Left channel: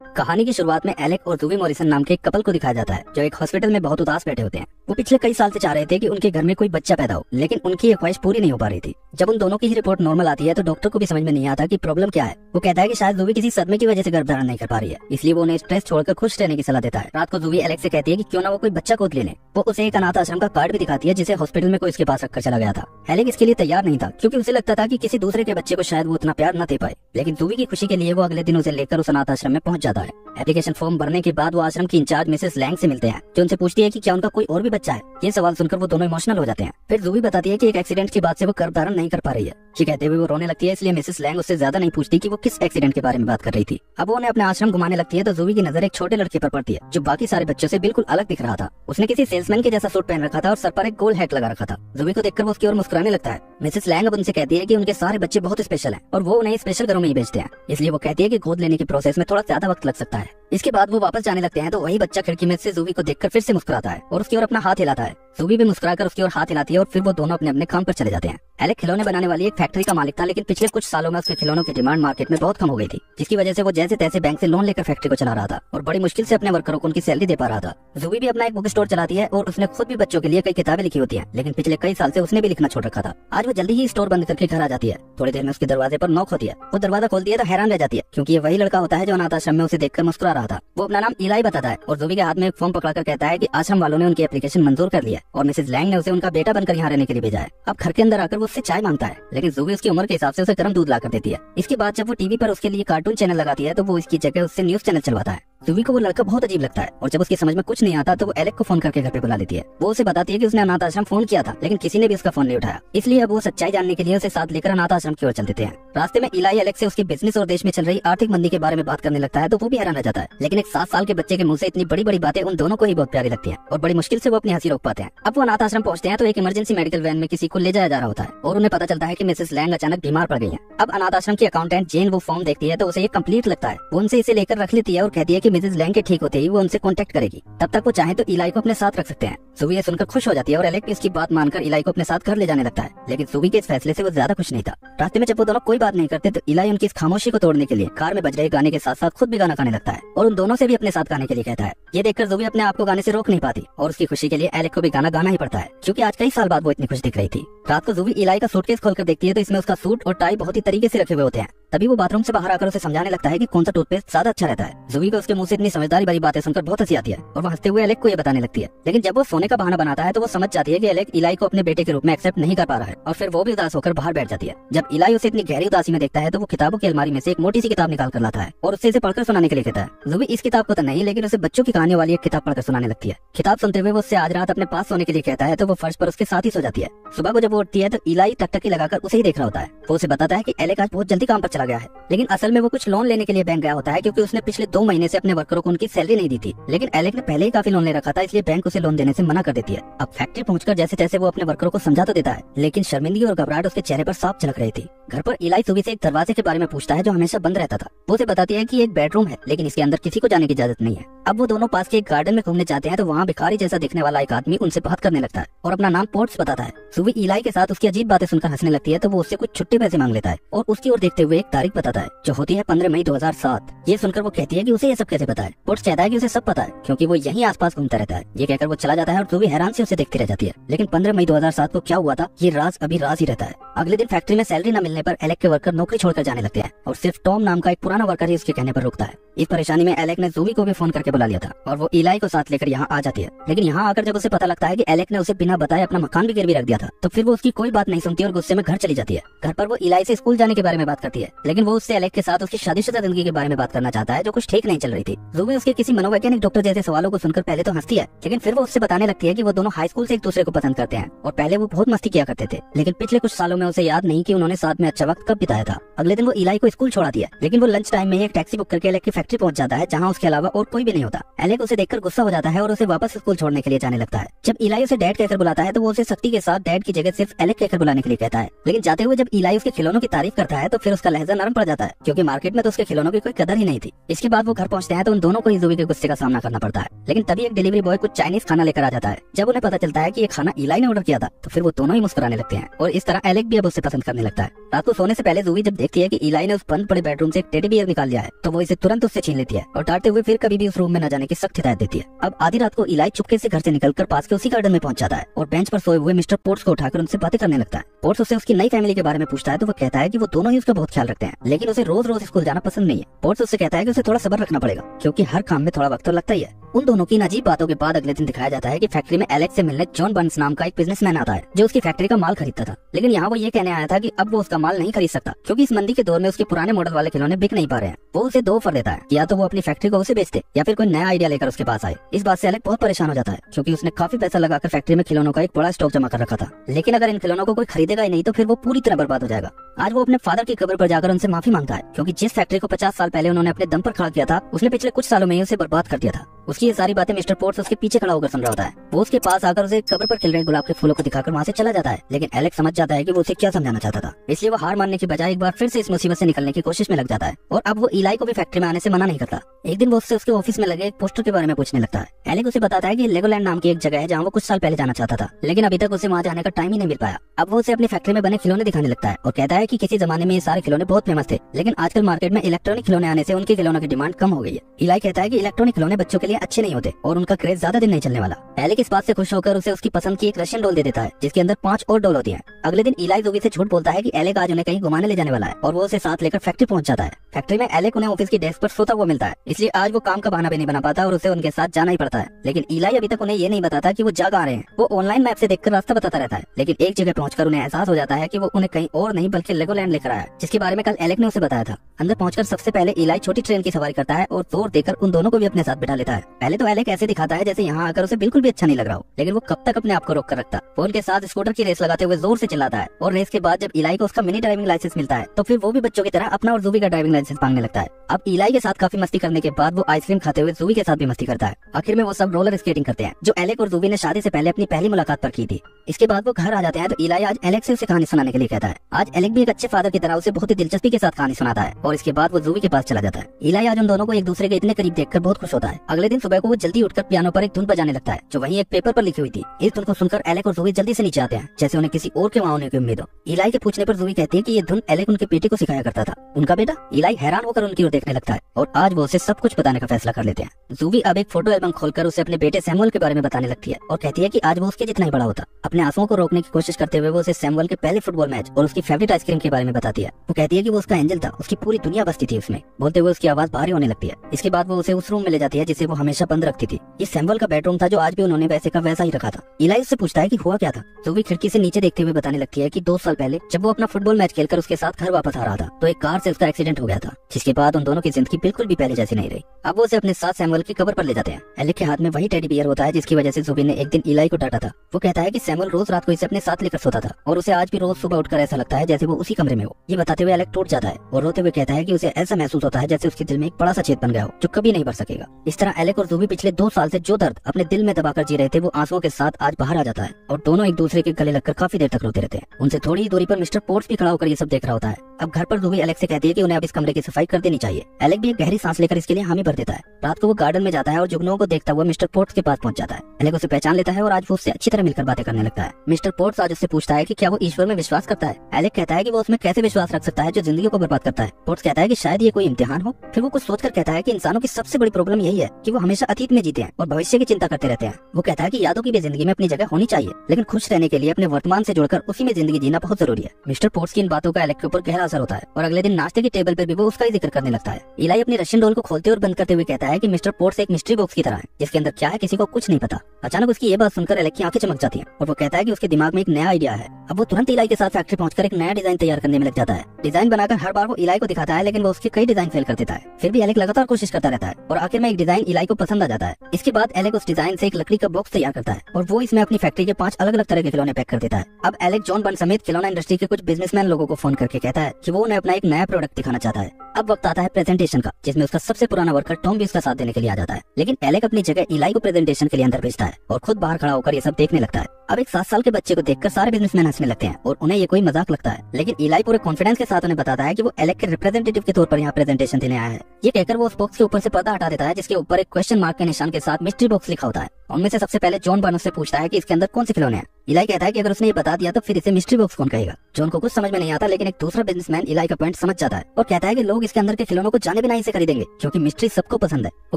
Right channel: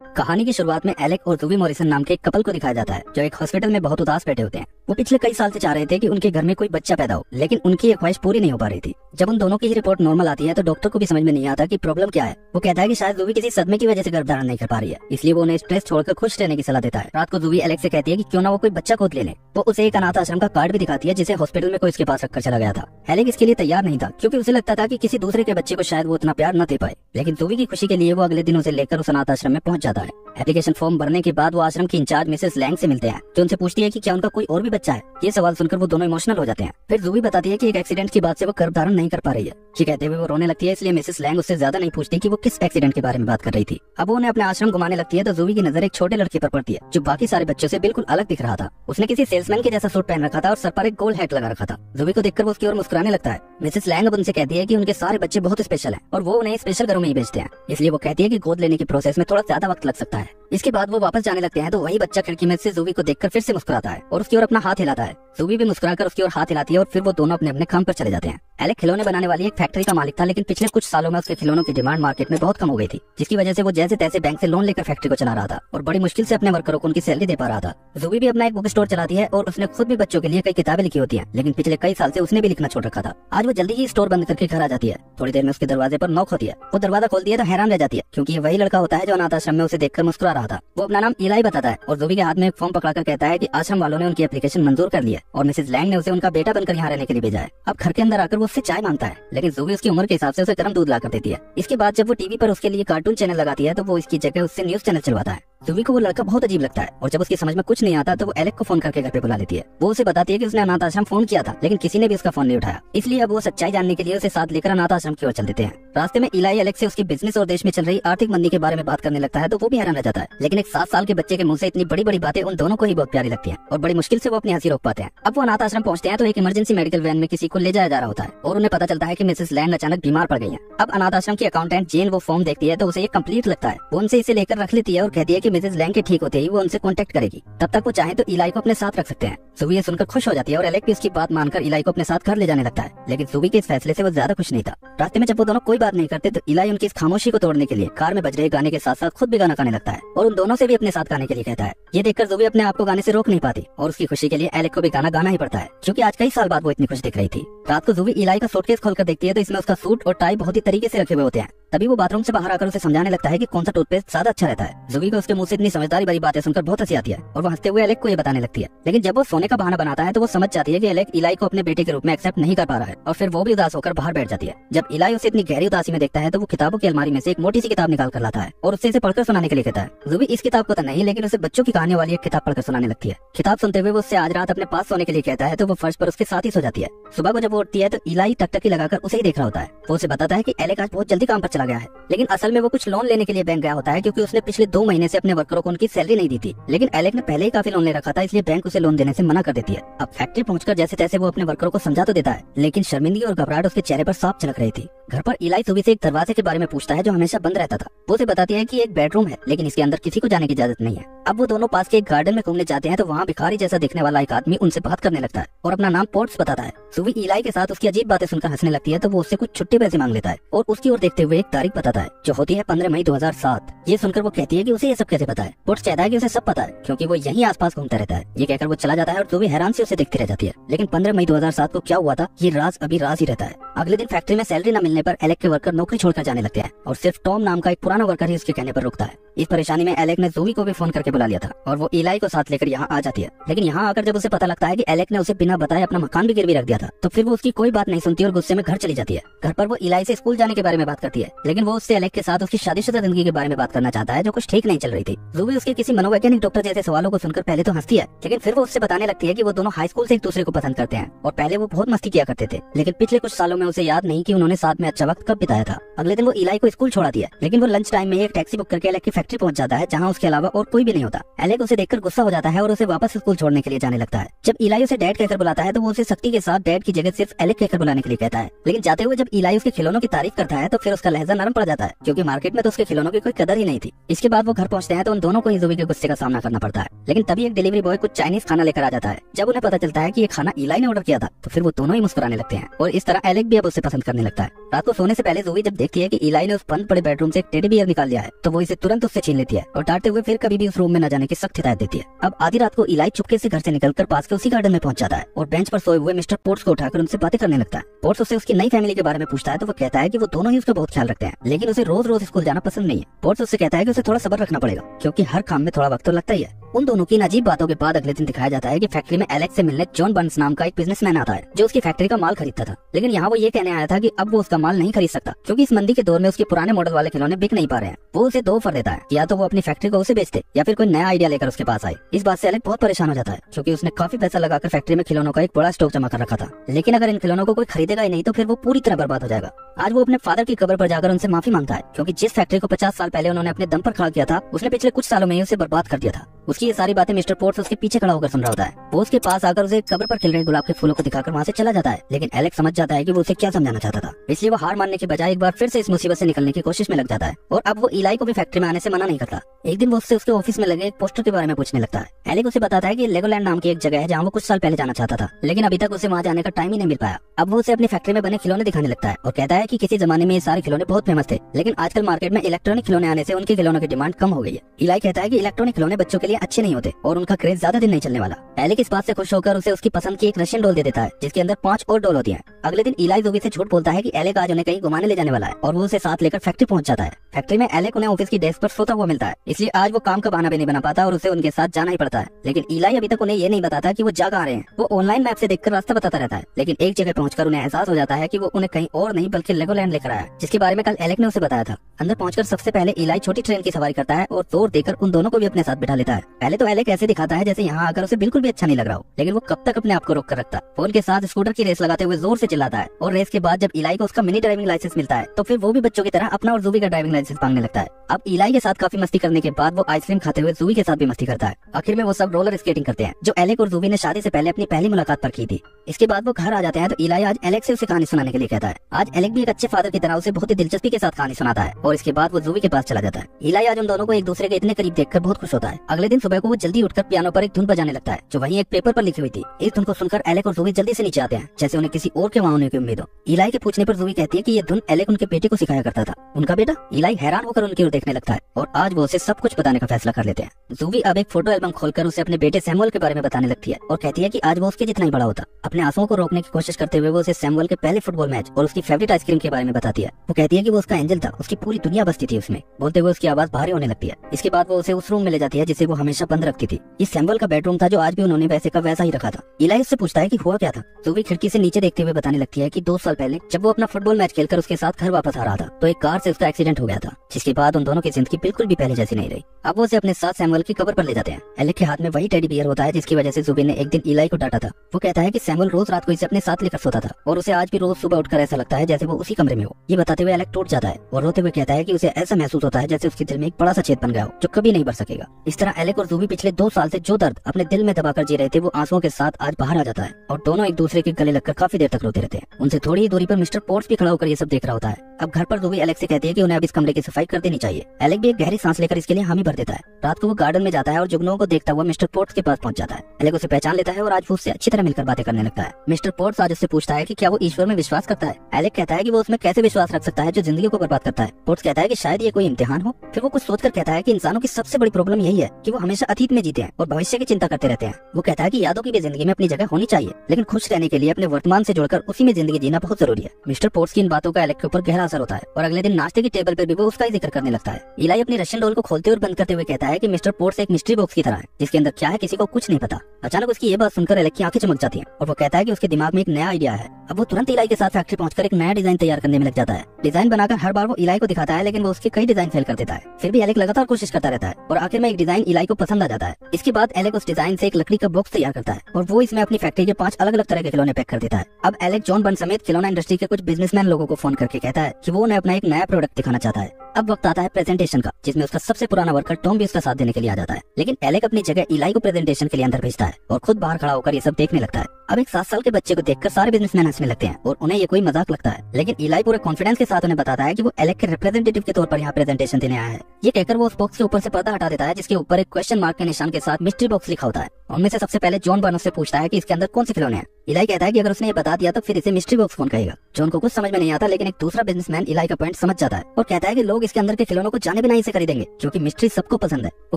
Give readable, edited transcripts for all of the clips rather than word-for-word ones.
कहानी की शुरुआत में एलेक और ज़ुवी मॉरिसन नाम के एक कपल को दिखाया जाता है जो एक हॉस्पिटल में बहुत उदास बैठे होते हैं। वो पिछले कई साल से चाह रहे थे कि उनके घर में कोई बच्चा पैदा हो, लेकिन उनकी ये ख्वाहिश पूरी नहीं हो पा रही थी। जब उन दोनों की ही रिपोर्ट नॉर्मल आती है तो डॉक्टर को भी समझ में नहीं आता कि प्रॉब्लम क्या है। वो कहता है कि शायद ज़ुवी किसी सदमे की वजह से गर्भधारण नहीं कर पा रही है, इसलिए वो उन्हें स्ट्रेस छोड़कर खुश रहने की सलाह देता है। रात को ज़ुवी एलेक से कहती है कि क्यों ना वो कोई बच्चा गोद ले ले। वो उसे एक अनाथ आश्रम का कार्ड भी दिखाती है जिसे हॉस्पिटल में कोई उसके पास रखकर चला गया था। एलेक इसके लिए तैयार नहीं था क्योंकि उसे लगता था कि किसी दूसरे के बच्चे को शायद वो इतना प्यार न दे पाए, लेकिन ज़ुवी की खुशी के लिए वो अगले दिन उसे लेकर उस अनाथ आश्रम में पहुंच जाता है। एप्लीकेशन फॉर्म भरने के बाद वो आश्रम की इंचार्ज मिसेस लैंग से मिलते हैं जो उनसे पूछती है कि क्या उनका कोई और भी बच्चा है। ये सवाल सुनकर वो दोनों इमोशनल हो जाते हैं। फिर ज़ुवी बताती है कि एक एक्सीडेंट की बात से वो गर्भधारण नहीं कर पा रही है। ये कहते हुए वो रोने लगती है, इसलिए मिसेस लैंग उससे ज्यादा नहीं पूछती कि वो किस एक्सीडेंट के बारे में बात कर रही थी। अब वो उन्हें अपने आश्रम घुमाने लगती है तो ज़ुवी की नजर एक छोटे लड़के पर पड़ती है जो बाकी सारे बच्चों से बिल्कुल अलग दिख रहा था। उसने किसी सेल्समैन के जैसा सूट पहन रखा था और सर पर एक गोल हैट लगा रखा था। ज़ुवी को देखकर वो उसकी ओर मुस्कुराने लगता है। मिसेस लैंग अब उनसे कहती है कि उनके सारे बच्चे बहुत स्पेशल हैं और वो उन्हें स्पेशल घरों में ही भेजते हैं, इसलिए वो कहती है कि गोद लेने के प्रोसेस में थोड़ा ज्यादा वक्त लग सकता है। इसके बाद वो वापस जाने लगते हैं तो वही बच्चा खिड़की में से ज़ुवी को देखकर फिर से मुस्कुराता है और उसकी ओर अपना हाथ हिलाता है। ज़ुवी भी मुस्कुराकर उसकी ओर हाथ हिलाती है और फिर वो दोनों अपने अपने काम पर चले जाते हैं। एलेक खिलौने बनाने वाली एक फैक्ट्री का मालिक था, लेकिन पिछले कुछ सालों में उसके खिलौनों की डिमांड मार्केट में बहुत कम हो गई थी, जिसकी वजह से वो जैसे तैसे बैंक से लोन लेकर फैक्ट्री को चला रहा था और बड़ी मुश्किल से अपने वर्करों को उनकी सैलरी दे पा रहा था। ज़ुवी भी अपना एक बुक स्टोर चलाती है और उसने खुद भी बच्चों के लिए कई किताबें लिखी होती है, लेकिन पिछले कई साल से उसने भी लिखना छोड़ रखा था। आज वो जल्दी ही स्टोर बंद करके घर आ जाती है। थोड़ी देर में उसके दरवाजे पर नॉक होती है। वो दरवाजा खोलती है तो हैरान रह जाती है क्योंकि ये वही लड़का होता है जो अनाथ आश्रम में उसे देखकर मुस्कुरा रहा था। वो अपना नाम इलाई बताता है और ज़ुवी के हाथ में एक फॉर्म पकड़कर कहता है कि आश्रम वालों ने उनकी एप्लीकेशन मंजूर कर लिया और मिसेस लैंग ने उसे उनका बेटा बनकर यहाँ रहने के लिए भेजा है। अब घर के अंदर आकर वो उससे चाय मांगता है, लेकिन ज़ुवी उसकी उम्र के हिसाब से उसे गर्म दूध ला कर देती है। इसके बाद जब वो टीवी पर उसके लिए कार्टून चैनल लगाती है तो वो इसकी जगह उससे न्यूज चैनल चलवाता है। ज़ुवी को वो लड़का बहुत अजीब लगता है और जब उसकी समझ में कुछ नहीं आता तो वो एलेक को फोन करके घर पे बुला लेती है। वो उसे बताती है कि उसने अनाथ आश्रम फोन किया था, लेकिन किसी ने भी उसका फोन नहीं उठाया, इसलिए अब वो सच्चाई जानने के लिए उसे साथ लेकर अनाथ आश्रम की ओर चल देते हैं। रास्ते में इलाई एलेक से उसके बिजनेस और देश में चल रही आर्थिक मंदी के बारे में बात करने लगता है तो वो भी हैरान रह जाता है, लेकिन एक 7 साल के बच्चे के मुंह से इतनी बड़ी बड़ी बातें उन दोनों को ही बहुत प्यारी लगती है और बड़ी मुश्किल से वो अपनी हंसी रोक पाते हैं। अब वो अनाथ आश्रम पहुंचते हैं तो एक इमरजेंसी मेडिकल वैन में किसी को ले जाया जा रहा होता है और उन्हें पता चलता है कि मिसेस लैंग अचानक बीमार पड़ गई है। अब अनाथ आश्रम की अकाउंटेंट जेन वो फॉर्म देखती है तो उसे ये कंप्लीट लगता है। वो उनसे इसे लेकर रख लेती है और कहती है कि मिसेस लैंग के ठीक होते ही वो उनसे कांटेक्ट करेगी, तब तक वो चाहे तो इलाई को अपने साथ रख सकते हैं। ज़ुवी ये सुनकर खुश हो जाती है और एलेक भी उसकी बात मानकर इलाई को अपने साथ घर ले जाने लगता है, लेकिन ज़ुवी के इस फैसले से वो ज्यादा खुश नहीं था। रास्ते में जब वो दोनों कोई बात नहीं करते तो इलाई उनकी इस खामोशी को तोड़ने के लिए कार में बज रहे गाने के साथ साथ खुद भी गाना गाने लगता है और उन दोनों से भी अपने साथ गाने के लिए कहता है। ये देखकर ज़ुवी अपने आप को गाने से रोक नहीं पाती और उसकी खुशी के लिए एलेक को भी गाना गाना ही पड़ता है, क्योंकि आज कई साल बाद वो इतनी खुश दिख रही थी। रात को ज़ुवी इलाई का सूटकेस खोलकर देखती है तो इसमें उसका सूट और टाई बहुत ही तरीके से रखे हुए होते हैं। तभी वो बाथरूम से बाहर आकर उसे समझाने लगता है कि कौन सा टूथपेस्ट ज्यादा अच्छा रहता है। ज़ुवी को उसके मुंह से इतनी समझदारी भरी बातें सुनकर बहुत हंसी आती है और वो हंसते हुए एलेक को ये बताने लगती है, लेकिन जब वो सोने का बहाना बनाता है तो वो समझ जाती है कि एलेक इलाई को अपने बेटे के रूप में एक्सेप्ट नहीं कर पा रहा है और फिर वो भी उदास होकर बाहर बैठ जाती है। जब इलाई उसे इतनी गहरी उदासी में देखता है तो वो किताबों की अलमारी में से एक मोटी सी किताब निकाल कर लाता है और उससे इसे पढ़कर सुनाने के लिए कहता है। ज़ुवी इस किताब को तो नहीं, लेकिन उसे बच्चों की कहानी वाली एक किताब पढ़कर सुनाने लगती है। किताब सुनते हुए वो उससे आज रात अपने पास सोने के लिए कहता है तो वो फर्श पर उसके साथ ही सो जाती है। सुबह को जब वो उठती है तो इलाई टकटकी लगाकर उसे ही देख रहा होता है। वो उसे बताता है कि एलेक आज बहुत जल्दी काम पर चला गया है, लेकिन असल में वो कुछ लोन लेने के लिए बैंक गया होता है क्योंकि उसने पिछले 2 महीने से अपने वर्करों को उनकी सैलरी नहीं दी थी, लेकिन एलेक ने पहले ही काफी लोन ले रखा था, इसलिए बैंक उसे लोन देने से मना कर देती है। अब फैक्ट्री पहुंचकर जैसे तैसे वो अपने वर्करों को समझा तो देता है, लेकिन शर्मिंदगी और घबराहट उसके चेहरे पर साफ झलक रही थी। घर पर इलाई ज़ुवी से एक दरवाजे के बारे में पूछता है जो हमेशा बंद रहता था। वो उसे बताती है कि एक बेडरूम है, लेकिन इसके अंदर किसी को जाने की इजाजत नहीं है। अब वो दोनों पास के एक गार्डन में घूमने जाते हैं तो वहाँ भिखारी जैसा दिखने वाला एक आदमी उनसे बात करने लगता है और अपना नाम पोर्ट्स बताता है। ज़ुवी इलाई के साथ उसकी अजीब बातें सुनकर हंसने लगती है तो वो उससे कुछ छुट्टे पैसे मांग लेता है और उसकी ओर देखते हुए एक तारीख बताता है जो होती है 15 मई 2007। ये सुनकर वो कहती है कि उसे ये सब कैसे पता है। पोर्ट्स कहता है कि उसे सब पता है क्योंकि वो यहीं आसपास घूमता रहता है। ये कहकर वो चला जाता है और ज़ुवी हैरान से उसे देखती रह जाती है, लेकिन 15 मई 2007 को क्या हुआ था ये राज अभी राज ही रहता है। अगले दिन फैक्ट्री में सैलरी न मिलने पर एलेक के वर्कर नौकरी छोड़कर जाने लगते हैं और सिर्फ टॉम नाम का एक पुराना वर्कर ही उसके कहने पर रुकता है। इस परेशानी में एलेक ने ज़ुवी को भी फोन करके बुला लिया था और वो इलाई को साथ लेकर यहाँ आ जाती है, लेकिन यहाँ आकर जब उसे पता लगता है कि एलेक ने उसे बिना बताए अपना मकान भी गिरवी रख दिया था तो फिर वो उसकी कोई बात नहीं सुनती और गुस्से में घर चली जाती है। घर पर वो इलाई से स्कूल जाने के बारे में बात करती है, लेकिन वो उससे एलेक के साथ उसकी शादीशुदा जिंदगी के बारे में बात करना चाहता है जो कुछ ठीक नहीं चल रही थी। ज़ुवी उसके किसी मनोवैज्ञानिक डॉक्टर जैसे सवालों को सुनकर पहले तो हंसती है, लेकिन फिर वो उससे बताने लगती है कि वो दोनों हाई स्कूल से एक दूसरे को पसंद करते हैं और पहले वो बहुत मस्ती किया करते थे, लेकिन पिछले कुछ सालों में उसे याद नहीं कि उन्होंने साथ में अच्छा वक्त कब बिताया था। अगले दिन वो इलाई को स्कूल छोड़ाती है, लेकिन वो लंच टाइम में एक टैक्सी बुक करके एलेक की फैक्ट्री पहुंच जाता है जहाँ उसके अलावा और कोई भी नहीं होता। एलेक उसे देखकर गुस्सा हो जाता है और उसे वापस स्कूल छोड़ने के लिए जाने लगता है। जब इलाई उसे डैड कहकर बुलाता है तो वो उसे सख्ती के साथ डैड की जगह सिर्फ एलेक कहकर बुलाने के लिए कहता है, लेकिन जाते हुए जब इलाई उसके खिलौनों की तारीफ करता है तो फिर उसका लहजा नरम पड़ जाता है क्योंकि मार्केट में तो उसके खिलौनों की कोई कदर ही नहीं थी। इसके बाद वो घर पहुंचते हैं तो उन दोनों को ज़ुवी के गुस्से का सामना करना पड़ता है, लेकिन तभी एक डिलीवरी बॉय कुछ चाइनीज खाना लेकर आ जाता है। जब उन्हें पता चलता है कि ये खाना इलाई ने ऑर्डर किया था तो फिर वो दोनों ही मुस्कुराने लगते हैं और इस तरह एलेक भी अब उसे पसंद करने लगता है। रात को सोने से पहले ज़ुवी जब देखती है कि इलाई ने उस बंद पड़े बेडरूम से एक टेडी बियर निकाल लिया है तो वो इसे तुरंत उससे छीन लेती है और डांटते हुए फिर कभी भी उस रूम में न जाने की सख्त हिदायत देती है। अब आधी रात को इलाई चुपके से घर से निकलकर पास के उसी गार्डन में पहुंच जाता है और बेंच पर सोए हुए मिस्टर पोर्ट्स को उठाकर उनसे बातें करने लगता है। पोर्ट्स उससे उसकी नई फैमिली के बारे में पूछता है तो वो कहता है कि वो दोनों ही उसका बहुत ख्याल रखते हैं, लेकिन उसे रोज रोज स्कूल जाना पसंद नहीं है। पोर्ट्स उससे कहता है कि उसे थोड़ा सब्र रखना पड़ेगा क्योंकि हर काम में थोड़ा वक्त तो लगता ही है। उन दोनों की इन अजीब बातों के बाद अगले दिन दिखाया जाता है कि फैक्ट्री में एलेक्स से मिलने जॉन बर्न्स नाम का एक बिजनेसमैन आता है जो उसकी फैक्ट्री का माल खरीदता था। लेकिन यहाँ वो ये कहने आया था कि अब वो उसका माल नहीं खरीद सकता क्योंकि इस मंदी के दौर में उसके पुराने मॉडल वाले खिलौने बिक नहीं पा रहे हैं। वो उसे दो ऑफर देता है कि या तो वो अपनी फैक्ट्री को उसे बेच दे या फिर कोई नया आइडिया लेकर उसके पास आए। इस बात से एलेक्स बहुत परेशान हो जाता है क्योंकि उसने काफी पैसा लगाकर फैक्ट्री में खिलौनों का एक बड़ा स्टॉक जमा कर रखा था, लेकिन अगर इन खिलौनों को कोई खरीदेगा ही नहीं तो फिर वो पूरी तरह बर्बाद हो जाएगा। आज वो अपने फादर की कब्र पर जाकर उनसे माफी मांगता है क्योंकि जिस फैक्ट्री को 50 साल पहले उन्होंने अपने दम पर खड़ा किया था उसने पिछले कुछ सालों में ही उसे बर्बाद कर दिया था। उसकी ये सारी बातें मिस्टर पोर्ट्स उसके पीछे खड़ा होकर सुन रहा होता है। वो उसके पास आकर उसे कब्र पर खिल रहे गुलाब के फूलों को दिखाकर वहाँ से चला जाता है, लेकिन एलेक्स समझ जाता है कि वो उसे क्या समझाना चाहता था, इसलिए वो हार मानने के बजाय एक बार फिर से इस मुसीबत से निकलने की कोशिश में लग जाता है और अब वो इलाई को भी फैक्ट्री में आने से मना नहीं करता। एक दिन वो उससे उसके ऑफिस में लगे एक पोस्टर के बारे में पूछने लगता है। एलेक्स उसे बताता है कि लेगोलैंड नाम की एक जगह है जहाँ वो कुछ साल पहले जाना चाहता था, लेकिन अभी तक उसे वहाँ जाने का टाइम ही नहीं मिल पाया। अब वो उसे अपनी फैक्ट्री में बने खिलौने दिखाने लगता है और कहता है कि किसी जमाने में ये सारे खिलौने बहुत फेमस थे, लेकिन आजकल मार्केट में इलेक्ट्रॉनिक खिलौने आने से उनके खिलौनों की डिमांड कम हो गई है। इलाई कहता है कि इलेक्ट्रॉनिक खिलौने बच्चों के लिए अच्छे नहीं होते और उनका क्रेज ज्यादा दिन नहीं चलने वाला। एलेक्स इस बात से खुश होकर उसे उसकी पसंद की एक रशियन डॉल दे देता है जिसके अंदर 5 और डॉल होती हैं। अगले दिन इलाई ज़ोवी से झूठ बोलता है कि एलेक्स आज उन्हें कहीं घुमाने ले जाने वाला है और वो उसे साथ लेकर फैक्ट्री पहुंच जाता है। फैक्ट्री में एलेक्स उन्हें ऑफिस की डेस्क पर सोता हुआ मिलता है, इसलिए आज वो काम का बहाना भी नहीं बना पाता और उसे उनके साथ जाना ही पड़ता है। लेकिन इलाई अभी तक उन्हें ये नहीं बताता कि वो जा कहाँ रहे हैं। वो ऑनलाइन मैप से देखकर रास्ता बताता रहता है, लेकिन एक जगह पहुंचकर उन्हें एहसास हो जाता है कि वो उन्हें कहीं और नहीं बल्कि लेगोलैंड लेकर आया, जिसके बारे में कल एलेक्स ने उसे बताया था। अंदर पहुंचकर सबसे पहले इलाई छोटी ट्रेन की सवारी करता है और जोर देकर उन दोनों को भी अपने साथ बिठा लेता है। पहले तो एलेक्स ऐसे दिखाता है जैसे यहाँ आकर उसे बिल्कुल भी अच्छा नहीं लग रहा हो, लेकिन वो कब तक अपने आप को रोक कर रखता। वो उनके साथ स्कूटर की रेस लगाते हुए जोर से चिल्लाता है और रेस के बाद जब इलाई को उसका मिनी ड्राइविंग लाइसेंस मिलता है तो फिर वो भी बच्चों की तरह अपना और ज़ोवी का ड्राइविंग लाइसेंस मांगने लगता है। अब इलाई के साथ काफी मस्ती करने के बाद वो आइसक्रीम खाते हुए ज़ोवी के साथ भी मस्ती करता है। आखिर में वो सब रोलर स्केटिंग करते हैं जो एलेक्स और ज़ोवी ने शादी से पहले अपनी पहली मुलाकात पर की थी। इसके बाद वो घर आ जाते हैं तो इलाई आज एलेक्स से उसे कहानी सुनाने के लिए कहता है। आज एलेक्स भी एक अच्छे फादर की तरह उसे बहुत ही दिलचस्पी के साथ कहानी सुनाता है और इसके बाद वो ज़ोवी के पास चला जाता है। इलाई आज उन दोनों को एक दूसरे के इतने करीब देखकर बहुत खुश होता है। अगले दिन सुबह को वो जल्दी उठकर पियानो पर एक धुन बजाने लगता है जो वहीं एक पेपर पर लिखी हुई थी। इस धुन को सुनकर एलेक्स और ज़ोवी जल्दी से नीचे आते हैं जैसे उन्हें किसी और के वहाँ होने की उम्मीद हो। इलाई के पूछने पर ज़ोवी कहती है कि ये धुन एलेक्स उनके बेटे को सिखाया करता था। उनका बेटा? इलाई हैरान होकर उनकी ओर देखने लगता है और आज वो उसे सब कुछ बताने का फैसला कर लेते हैं। ज़ोवी अब एक फोटो एल्बम खोलकर उसे अपने बेटे सैमुअल के बारे में बताने लगती है और कहती है कि आज वो उसके जितना ही बड़ा होता। अपने आंसुओं को रोकने की कोशिश करते हुए वो उसे सैमुअल के पहले फुटबॉल मैच और उसकी फेवरेट आइसक्रीम के बारे में बताती है। वो कहती है कि वो उसका एंजल था, उसकी पूरी दुनिया बसती थी उसमें। बोलते हुए उसकी आवाज भारी होने लगती है। इसके बाद वो उसे उस रूम में ले जाती है जिसे वो हमेशा बंद रखती थी। ये सैमुअल का बेडरूम था जो आज भी उन्होंने वैसे का वैसा ही रखा था। इलाई उससे पूछता है कि हुआ क्या था। ज़ोवी खिड़की से नीचे देखते हुए बताने लगती है कि 2 साल पहले जब वो अपना फुटबॉल मैच खेलकर उसके साथ घर वापस आ रहा था तो एक कार से उसका एक्सीडेंट हो गया था, जिसके बाद उन दोनों की जिंदगी बिल्कुल भी पहले जैसी नहीं रही। अब वो उसे अपने साथ सैमुअल की कब्र पर ले जाते हैं। एलेक्स के हाथ में वही टेडी बियर होता है जिसकी वजह से ज़ोवी ने एक दिन इलाई को डांटा था। वो कहता है कि सैमुअल रोज रात को इसे अपने साथ लेकर सोता था और उसे आज भी रोज सुबह उठकर ऐसा लगता है जैसे वो उसी कमरे में हो। ये बताते हुए एलेक्स टूट जाता है और रोते हुए कहता है कि उसे ऐसा महसूस होता है जैसे उसके दिल में एक बड़ा सा छेद बन गया हो जो कभी नहीं भर सकेगा। इस तरह एलेक्स और ज़ोवी पिछले 2 साल से जो दर्द अपने दिल में दबाकर जी रहे थे वो आंसुओं के साथ आज बाहर आ जाता है और दोनों एक दूसरे के गले लगकर काफी देर तक रोते रहते हैं। उनसे थोड़ी ही दूरी पर मिस्टर पोर्ट्स भी खड़ा होकर ये सब देख रहा होता है। अब घर पर ज़ोवी एलेक्स से कहती है कि उन्हें अब इस कमरे की सफाई कर देनी चाहिए। एलेक्स भी एक गहरी सांस लेकर इसके लिए हामी भर देता है। रात को वो गार्डन में जाता है और जुगनुओं को देखता हुआ मिस्टर पोर्ट्स के पास पहुंच जाता है। एलेक्स उसे पहचान लेता है और आज वो उससे अच्छी तरह मिलकर बातें करने लगता है। मिस्टर पोर्ट्स आज उससे पूछता है कि क्या वो ईश्वर में विश्वास करता है। एलेक्स कहता है कि वो उसमें कैसे विश्वास रख सकता है जो जिंदगी को बर्बाद करता है। पोर्ट्स कहता है कि शायद ये कोई इम्तिहान हो। फिर वो कुछ सोचकर कहता है कि इंसानों की सबसे बड़ी प्रॉब्लम यही है कि वो हमेशा अतीत में जीते हैं और भविष्य की चिंता करते रहते हैं। वो कहता है कि यादों की भी जिंदगी में अपनी जगह होनी चाहिए, लेकिन खुश रहने के लिए अपने वर्तमान से जुड़कर उसी में जिंदगी जीना बहुत जरूरी है। मिस्टर पोर्ट्स की इन बातों का एलेक्स के ऊपर गहरा असर होता है और अगले दिन नाश्ते की टेबल पर भी वो उसका ही जिक्र करने लगता है। इलाई अपनी रशियन डॉल को खोलते और बंद करते हुए कहता है कि मिस्टर पोर्ट्स एक मिस्ट्री बॉक्स की तरह है जिसके अंदर क्या है किसी को कुछ नहीं पता। अचानक उसकी ये बात सुनकर एलेक्स की आंखें चमक जाती हैं और वो कहता है कि उसके दिमाग में एक नया आइडिया है। अब वो तुरंत इलाई के साथ फैक्ट्री पहुंचकर एक नया डिजाइन तैयार करने में लग जाता है। डिजाइन बनाकर हर बार वो इलाई को दिखाता है, लेकिन वो उसके कई डिजाइन फेल कर देता है। फिर भी एलेक्स लगातार कोशिश करता रहता है और आखिर में एक डिजाइन इलाई को पसंद आ जाता है। इसके बाद एलेक्स उस डिजाइन से एक लकड़ी का बॉक्स तैयार करता है और वो इसमें अपनी फैक्ट्री के 5 अलग अलग तरह के खिलौने पैक कर देता है। अब एलेक्स जॉन बर्न्स समेत खिलौना इंडस्ट्री के कुछ बिजनेसमैन लोगों को फोन करके कहता है कि वो उन्हें अपना एक नया प्रोडक्ट दिखाना चाहता है। अब वक्त आता है प्रेजेंटेशन का, जिसमें उसका सबसे पुराना वर्कर टॉम भी उसका साथ देने के लिए आ जाता है। लेकिन एलेक्स अपनी जगह इलाई को प्रेजेंटेशन के लिए अंदर भेजता है और खुद बाहर खड़ा होकर ये सब देखने लगता है। अब एक 7 साल के बच्चे को देखकर सारे बिजनेसमैन हंसने लगते हैं और उन्हें ये कोई मजाक लगता है। लेकिन इलाई पूरे कॉन्फिडेंस के साथ उन्हें बताता है कि वो एलेक्स के रिप्रेजेंटेटिव के तौर पर यहाँ प्रेजेंटेशन देने आया है। ये कहकर वो उस बॉक्स के ऊपर से पर्दा हटा देता है जिसके ऊपर एक क्वेश्चन मार्क के निशान के साथ मिस्ट्री बॉक्स लिखा होता है। उनमें से सबसे पहले जॉन बर्न्स से पूछता है कि इसके अंदर कौन से खिलौने हैं। इलाई कहता है कि अगर उसने ये बता दिया तो फिर इसे मिस्ट्री बॉक्स कौन कहेगा। जॉन को कुछ समझ में नहीं आता, लेकिन एक दूसरा बिजनेसमैन इलाई का पॉइंट समझ जाता है और कहता है कि लोग इसके अंदर के खिलौनों को जाने बिना इसे खरीदेंगे क्योंकि मिस्ट्री सबको पसंद है। वो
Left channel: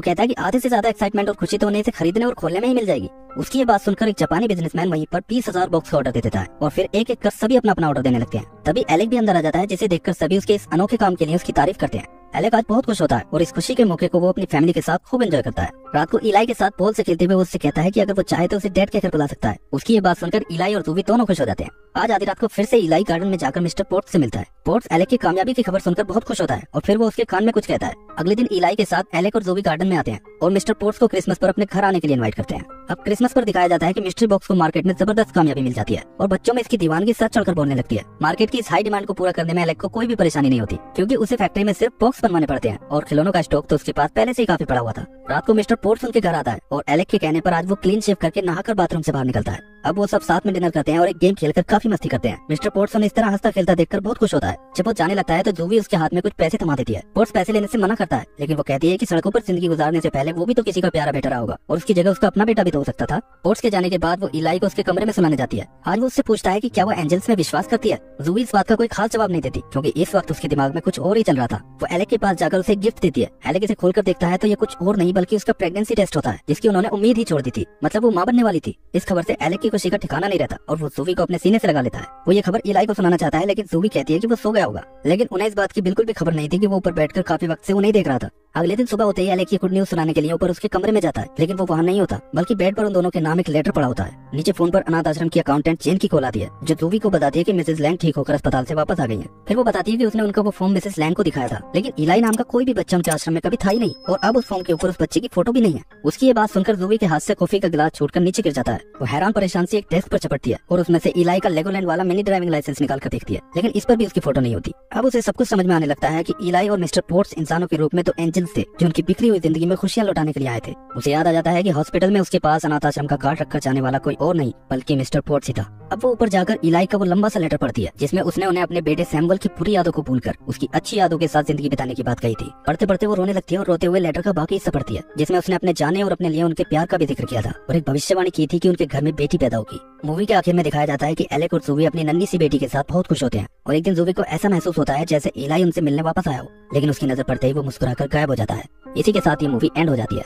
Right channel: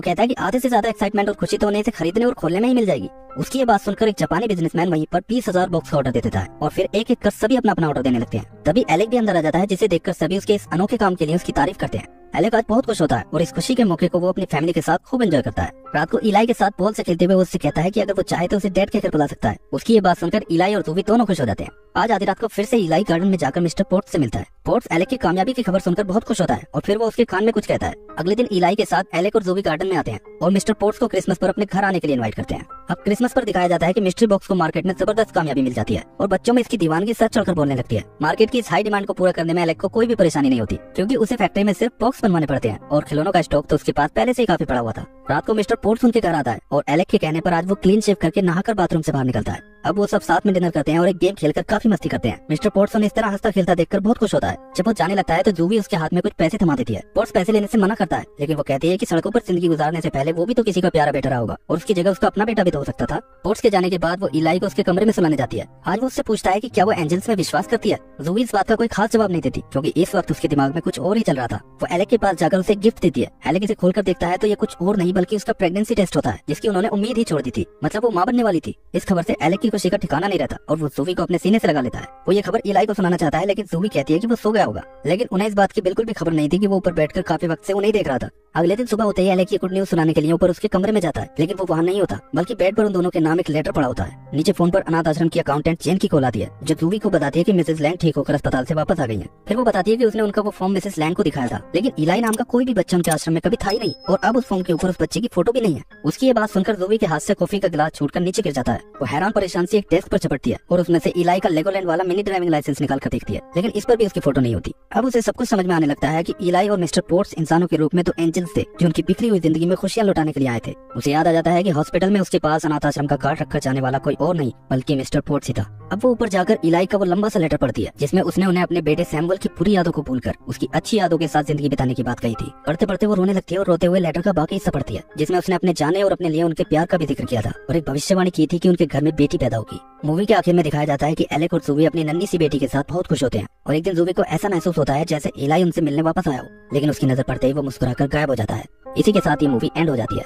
कहता है कि आधे से ज्यादा एक्साइटमेंट और खुशी तो उन्हें इसे खरीदने और खोलने में ही मिल जाएगी। उसकी ये बात सुनकर एक जापानी बिजनेसमैन वहीं पर 20,000 बॉक्स का ऑर्डर दे देता है और फिर एक एक कर सभी अपना अपना ऑर्डर देने लगते हैं। तभी एलेक भी अंदर आ जाता है, जिसे देखकर सभी उसके इस अनोखे काम के लिए उसकी तारीफ करते हैं। एलेक आज बहुत खुश होता है और इस खुशी के मौके को वो अपनी फैमिली के साथ खूब एंजॉय करता है। रात को इलाई के साथ बॉल से खेलते हुए वो उससे कहता है कि अगर वो चाहे तो उसे डैड कहकर बुला सकता है। उसकी ये बात सुनकर इलाई और जूवी दोनों खुश हो जाते हैं। आज आधी रात को फिर से इलाई गार्डन में जाकर मिस्टर पोर्ट्स से मिलता है। पोर्ट्स एलेक की कामयाबी की खबर सुनकर बहुत खुश होता है और फिर वो उसके कान में कुछ कहता है। अगले दिन इलाई के साथ एलेक और जूवी गार्डन में आते हैं और मिस्टर पोर्ट्स को क्रिसमस पर अपने घर आने के लिए इनवाइट करते हैं। अब क्रिसमस पर दिखाया जाता है कि मिस्ट्री बॉक्स को मार्केट में जबरदस्त कामयाबी मिल जाती है और बच्चों में इसकी दीवानगी सच चढ़कर बोलने लगती है। मार्केट की इस हाई डिमांड को पूरा करने में एलेक को कोई भी परेशानी नहीं होती क्योंकि उसे फैक्ट्री में सिर्फ बॉक्स बनवाने पड़ते हैं और खिलौनों का स्टॉक तो उसके पास पहले से ही काफी पड़ा हुआ था। रात को मिस्टर पोर्ट्स उनके घर आता है और एलेक के कहने पर आज वो क्लीन शेव करके नहाकर बाथरूम से बाहर निकलता है। अब वो सब साथ में डिनर करते हैं और एक गेम खेलकर काफी मस्ती करते हैं। मिस्टर पोर्ट्स उन्हें इस तरह हंसता खेलता देखकर बहुत खुश होता है। जब वो जाने लगता है तो जूवी उसके हाथ में कुछ पैसे थमा देती है। पोर्ट्स पैसे लेने से मना करता है, लेकिन वो कहती है कि सड़कों पर जिंदगी गुजारने से पहले वो भी तो किसी का प्यारा बेटा रहा होगा और उसकी जगह उसका अपना बेटा भी तो हो सकता था। पोर्ट्स के जाने के बाद वो इलाई को उसके कमरे में सुलाने जाती है। आज वो उससे पूछता है कि क्या वो एंजल्स में विश्वास करती है। जूवी इस बात का कोई खास जवाब नहीं देती क्योंकि इस वक्त उसके दिमाग में कुछ और ही चल रहा था। वो एलेक के पास जाकर उसे गिफ्ट देती है। एलेक इसे खोलकर देखता है तो ये कुछ और नहीं बल्कि उसका प्रेगनेंसी टेस्ट होता है, जिसकी उन्होंने उम्मीद ही छोड़ दी थी। मतलब वो मां बनने वाली थी। इस खबर से एलेक की खुशी का ठिकाना नहीं रहता और वो जूवी को अपने सीने से लगा लेता है। वो ये खबर इलाई को सुनाना चाहता है, लेकिन जूवी कहती है कि वो सो गया होगा। लेकिन उन्हें इस बात की बिल्कुल भी खबर नहीं थी कि वो ऊपर बैठकर काफी वक्त से वो नहीं देख रहा था। अगले दिन सुबह होते ही एलेक की गुड न्यूज सुनाने के लिए ऊपर उसके कमरे में जाता है, लेकिन वो वहाँ नहीं होता बल्कि बेड पर उन दोनों के नाम एक लेटर पड़ा होता है। नीचे फोन पर अनाथ आश्रम की अकाउंटेंट जेन की कॉल आती है, जो जूवी को बताती है कि मिसेस लैंग ठीक होकर अस्पताल से वापस आ गई है। फिर वो बताती है कि उसने उनका वो फॉर्म मिसेस लैंग को दिखाया था, लेकिन इलाई नाम का कोई भी बच्चा उनके आश्रम में कभी था ही नहीं और अब उस फॉर्म के ऊपर उस बच्चे की फोटो भी नहीं है। उसकी ये बात सुनकर जूवी के हाथ से कॉफी का गिलास छोड़कर नीचे गिर जाता है। वो हैरान परेशान से एक डेस्क पर चपटती है और उसमें से इलाई का लेगोलैंड वाला मिनी ड्राइविंग लाइसेंस निकाल कर देखती है, लेकिन इस पर भी उसकी फोटो नहीं होती। अब उसे सब कुछ समझ में आने लगता है कि इलाई और मिस्टर पोर्ट्स इंसानों के रूप में तो एंजल्स थे जो उनकी बिखरी हुई जिंदगी में खुशियां लौटाने के लिए आए थे। उसे याद आ जाता है कि हॉस्पिटल में उसके पास अनाथ आश्रम का कार्ड रखकर जाने वाला कोई और नहीं बल्कि मिस्टर पोर्ट्स ही था। अब वो ऊपर जाकर इलाई का वो लंबा सा लेटर पढ़ती है, जिसमें उसने उन्हें अपने बेटे सैमुअल की बुरी यादों को भूलकर उसकी अच्छी यादों के साथ जिंदगी बिताने की बात कही थी। पढ़ते पढ़ते वो रोने लगती है और रोते हुए लेटर का बाकी हिस्सा पढ़ती है, जिसमें उसने अपने जाने और अपने लिए उनके प्यार का भी जिक्र किया था और एक भविष्यवाणी की थी कि उनके घर में बेटी पैदा होगी। मूवी के आखिर में दिखाया जाता है कि एलेक और जूवी अपनी नन्ही सी बेटी के साथ बहुत खुश होते हैं और एक दिन जूवी को ऐसा महसूस होता है जैसे इलाई उनसे मिलने वापस आया हो, लेकिन उसकी नजर पड़ते ही वो मुस्कुराकर गायब हो जाता है। इसी के साथ ये मूवी एंड हो जाती है।